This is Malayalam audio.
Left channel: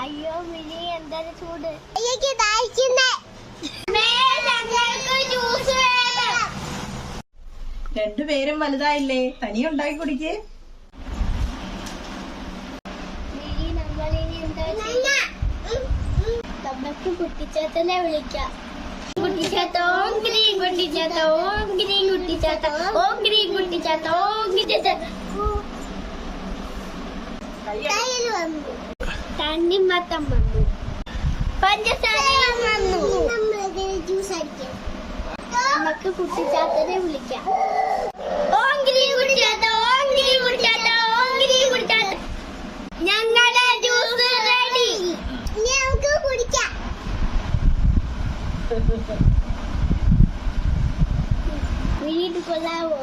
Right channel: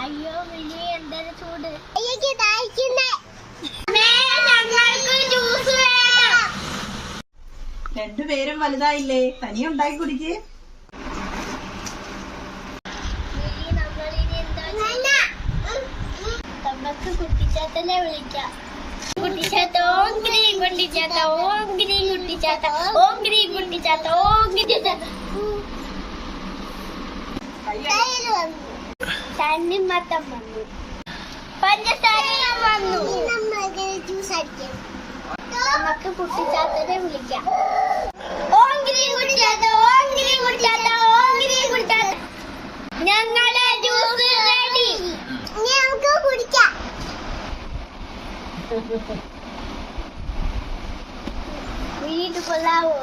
അയ്യോ മിനി എന്തൊരു ചൂട്. രണ്ടുപേരും വലുതായില്ലേ, തനി ഉണ്ടാക്കി കുടിക്ക്. നമുക്ക് കുട്ടിച്ചാത്തനെ വിളിക്കാം. കുട്ടിച്ചാത്ത ഓം ഗ്രീൻ കുട്ടിച്ചാത്ത ഓം ഗ്രീൻ കുട്ടിച്ചാത്ത ഓം ഗ്രീൻ കുട്ടിച്ചാത്ത ഓം കുട്ടിച്ചാത്ത. തണ്ണിമത്തം വന്നു, പഞ്ചസാരയും വന്നു. നമുക്ക് കുട്ടിച്ചാത്തനെ വിളിക്കാം. ഓം ഗ്രീൻ കുട്ടിച്ചാത്ത ഓം ഗ്രീൻ കുട്ടിച്ചാത്ത ഓം ഗ്രീൻ കുട്ടിച്ചാത്ത. ഞങ്ങളുടെ ജ്യൂസ് റെഡി, നമുക്ക് കുടിക്കാം. വീട് കൊള്ളാവോ?